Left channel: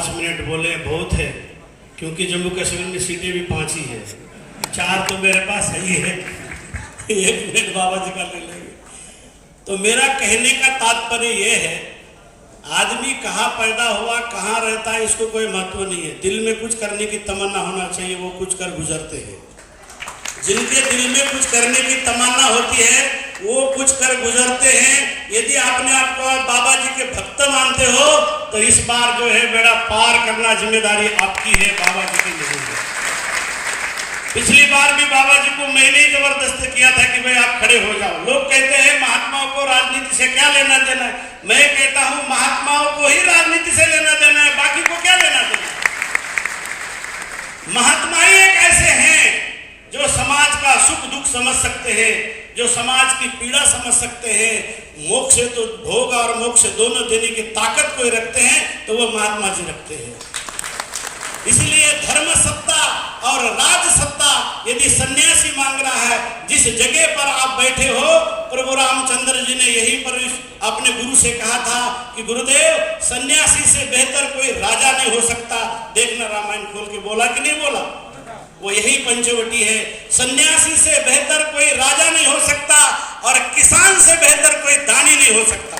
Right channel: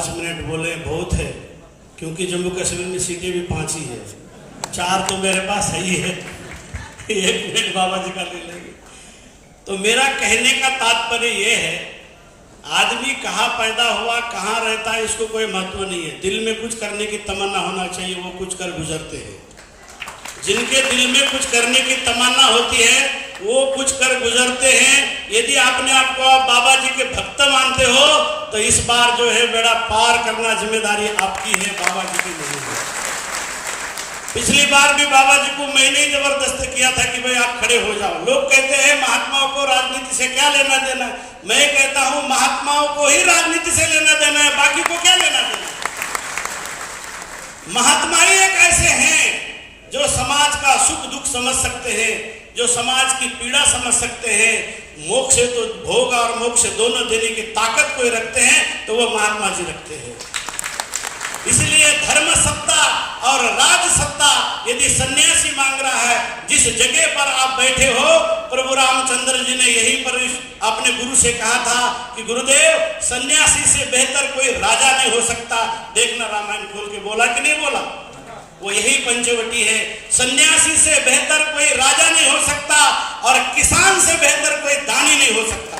5 minute बोले बहुत है, क्योंकि जम्मू कश्मीर में सीटें भी 5 ही है, 4 तो मेरे पास सही है, 1 मिनट बाबा जी का ले लेंगे। तो मेरा कहने का तात्पर्य यह है, आदमी कहाँ पैदा हुआ, कहाँ रहता है, इसको कोई महत्व नहीं है। दिल में कुछ करने की तमन्ना होना चाहिए, वो कुछ कर गुजरते हैं। जिनके दिल में कुछ करने की तमन्ना होती है वो कुछ कर गुजरते हैं। यदि आपने आपको आप बाबा जी के भक्त मानते हो तो इस बार जो है बेड़ा पार करना जिम्मेदारी आपकी है, बाबा जी की नहीं है। पिछली बार भी बाबा जी को मैंने ही जबरदस्त किया था कि भाई आप खड़े हो जाओ। लोग कहते हैं महात्माओं को राजनीति से क्या लेना देना है। मैं कहता हूं महात्माओं को ही राजनीति से लेना देना है, बाकी को क्या लेना देना है। महात्मा ही एक ऐसे हैं जो समाज का सुख दुख समझ सकते हैं, जो समाज की पीड़ा समझ सकते हैं। मोक्ष तो भोग और मोक्ष दोनों देने की ताकत कोई रखते हैं तो वो महात्मा जी रखते हैं। इसलिए धर्म सत्ता और राज सत्ता यदि सन्यासी मांग रहा है, जिस जगह पर आप बैठे हो, प्रभु रामचंद्र जी ने यहीं पर अपने गुरु से कहा था कि गुरुदेव सन्यासी से बेहतर कोई राजा नहीं हो सकता। देखना रामायण खोल के बोला कि नहीं बोला, वो यही पंचवटी है। सन्यासी से बेहतर कोई राजा नहीं हो सकता और किसान से बेहतर कोई दानी नहीं हो सकता।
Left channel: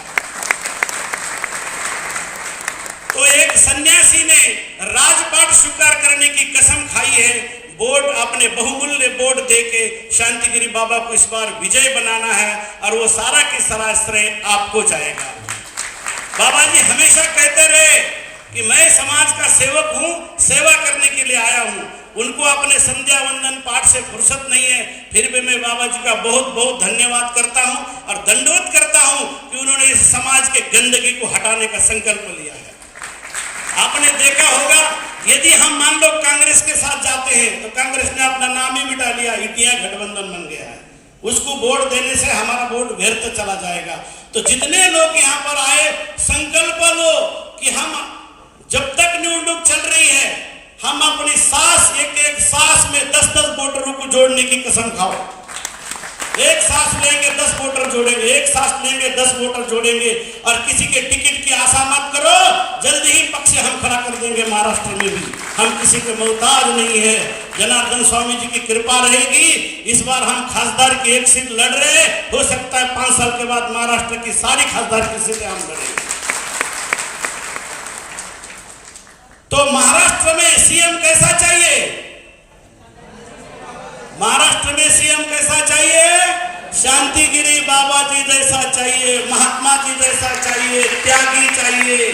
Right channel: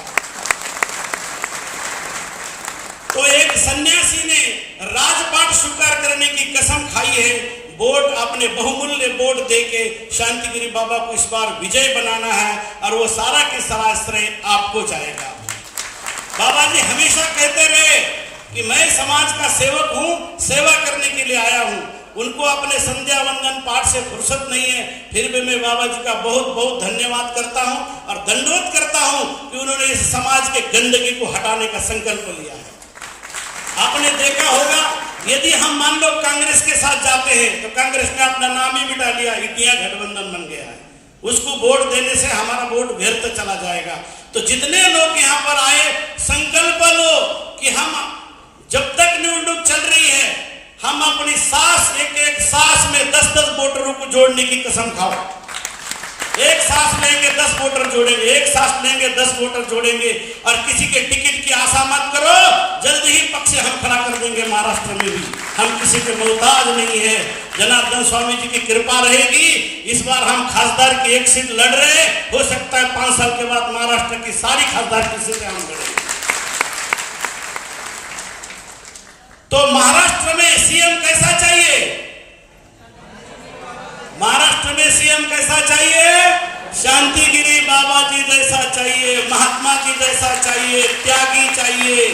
तो एक सन्यासी ने राजपाट स्वीकार करने की कसम खाई है। वोट अपने बहुमूल्य वोट देके शांतिगिरी बाबा को इस बार विजय बनाना है और वो सारा के सारा श्रेय आपको जाएगा। बाबा जी हमेशा कहते रहे कि मैं समाज का सेवक हूं, सेवा करने के लिए आया हूं। उनको अपने संध्या वंदन पाठ से फुर्सत नहीं है, फिर भी मैं बाबा जी का बहुत बहुत धन्यवाद करता हूं और दंडवत करता हूं कि उन्होंने इस समाज के गंदगी को हटाने का संकल्प लिया है। आपने देखा होगा यदि हम मान लो कांग्रेस के साथ जाते हैं तो कांग्रेस ने अपना नाम ही मिटा लिया, इंडिया गठबंधन बन गया है। उसको वोट देने से हमारा वोट व्यर्थ चला जाएगा। तो जितने लोग यहाँ पर आए, संकल्प लो कि हम जब तक न्यूनतम चल रही है, हम अपनी सांस एक सांस में 10-10 वोटरों को जोड़ने की कसम खाओ। एक सांस लेंगे 10 वोटर जोड़ेंगे, एक सांस लेंगे 10 वोटर जोड़ेंगे। और किसी के टिकट की आशा मत करो, जल्द ही पक्ष हम खड़ा कर देंगे। महाराष्ट्र में भी हम किसी के मोहताज नहीं है। जनार्दन स्वामी जी की कृपा रहेगी। इस बार हम खासदार की 1 सीट लड़ रहे, हो सकता है 5 साल के बाद महाराष्ट्र की सारी खासदार की सीटें हम लड़ेंगे। तो महाराष्ट्र में सीएम कैसा चाहिए? महाराष्ट्र में सीएम कैसा चाहिए? शांतिगिरी बाबा जी जैसा चाहिए, महात्मा जी जैसा चाहिए, त्यागी चाहिए।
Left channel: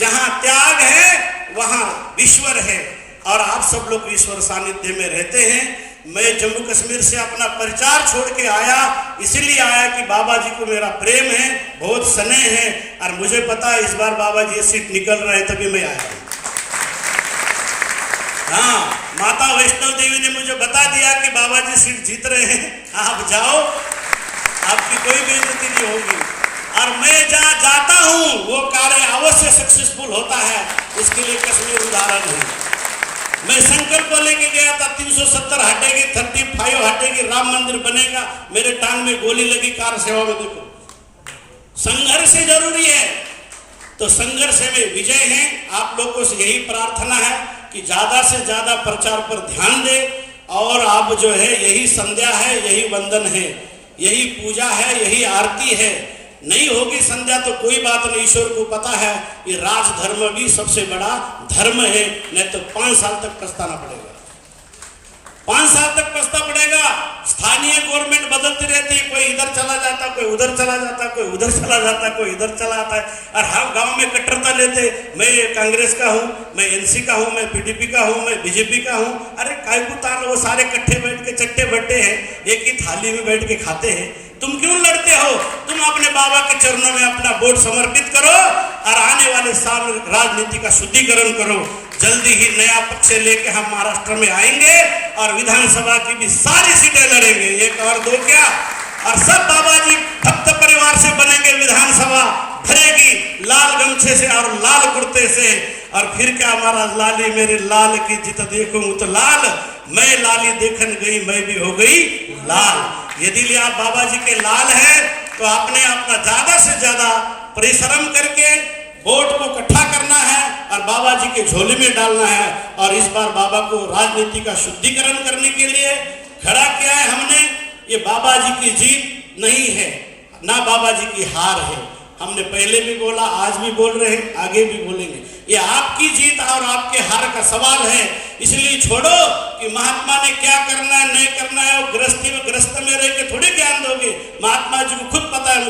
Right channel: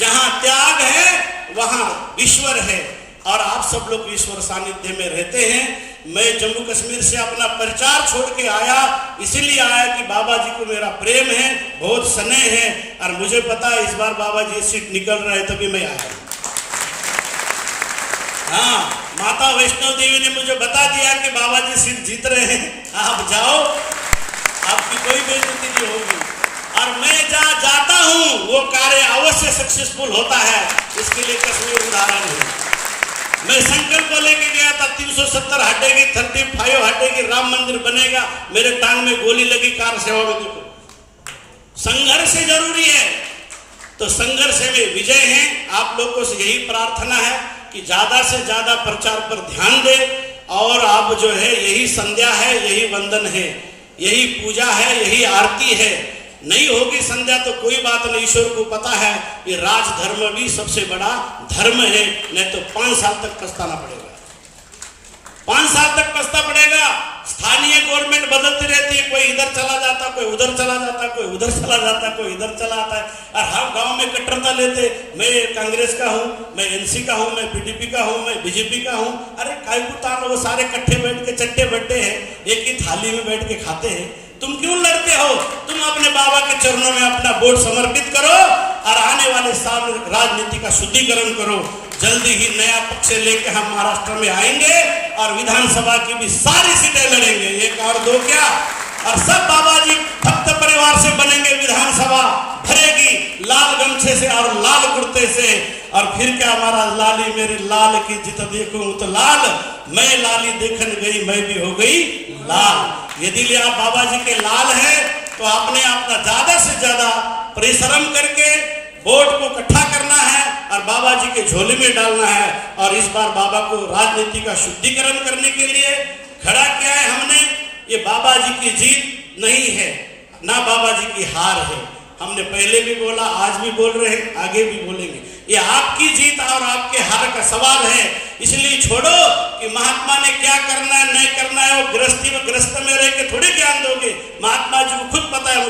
जहां त्याग है वहां ईश्वर है और आप सब लोग ईश्वर सानिध्य में रहते हैं। मैं जम्मू कश्मीर से अपना परिचार छोड़ के आया, इसीलिए आया कि बाबा जी को मेरा प्रेम है, बहुत स्नेह है और मुझे पता है इस बार बाबा जी सीट निकल रहे, तभी मैं आया। हाँ, माता वैष्णो देवी ने मुझे बता दिया कि बाबा जी सीट जीत रहे हैं, आप जाओ, आपकी कोई बेइज्जती नहीं होगी। और मैं जहाँ जाता हूँ वो कार्य अवश्य सक्सेसफुल होता है, इसके लिए कश्मीर उदाहरण है। मैं संकल्प लेके गया था 370 हटेगी, 35 हटेगी, राम मंदिर बनेगा। मेरे टांग में गोली लगी कार सेवा में। देखो संघर्ष जरूरी है, तो संघर्ष में विजय है। आप लोगों से यही प्रार्थना है कि ज्यादा से ज्यादा प्रचार पर ध्यान दे। और आप जो है यही संध्या है, यही वंदन है, यही पूजा है, यही आरती है। नहीं होगी संध्या तो कोई बात नहीं, ईश्वर को पता है ये राज धर्म भी सबसे बड़ा धर्म है। नहीं तो 5 साल तक पछताना पड़ेगा, 5 साल तक पछता पड़ेगा। स्थानीय गवर्नमेंट बदलती रहती है, कोई इधर चला जाता, कोई उधर चला जाता, कोई उधर चला जाता, कोई इधर चला आता है। और हम गांव में कट्टरता लेते, मैं कांग्रेस का हूं, मैं एनसी का हूं, मैं पीडीपी का हूं, मैं बीजेपी का हूं। अरे कायकुतान वो सारे इकट्ठे बैठ के चट्टे बट्टे हैं, एक ही थाली में बैठ के खाते हैं। तुम क्यों लड़ते हो? तुम अपने बाबा के चरणों में अपना वोट समर्पित करो और आने वाले साल राजनीति का शुद्धिकरण करो। जल्दी ही नया पक्ष लेके हम महाराष्ट्र में आएंगे और विधानसभा की भी सारी सीटें लड़ेंगे, 1 और 2 क्या। और सब बाबा जी भक्त परिवार से बनेंगे। विधानसभा भरेगी लाल गमछे से और लाल कुर्ते से। और फिर क्या, हमारा लाली मेरे लाल की जित देखूं तो लाल, मैं लाली देखन गई मैं भी हो गई लाल। यदि आप बाबा जी के लाल हैं तो आपने अपना ज्यादा से ज्यादा परिश्रम करके वोट को इकट्ठा करना है और बाबा जी के झोले में डालना है। और इस बार बाबा को राजनीति का शुद्धिकरण करने के लिए खड़ा किया है हमने। ये बाबा जी की जीत नहीं है, ना बाबा जी की हार है। हमने पहले भी बोला, आज भी बोल रहे हैं, आगे भी बोलेंगे। ये आपकी जीत और आपके हार का सवाल है। इसलिए छोड़ो कि महात्मा ने क्या करना है नहीं करना है, वो गृहस्थी में गृहस्थ में रह के थोड़ी ज्ञान दोगे। महात्मा जी को खुद पता है।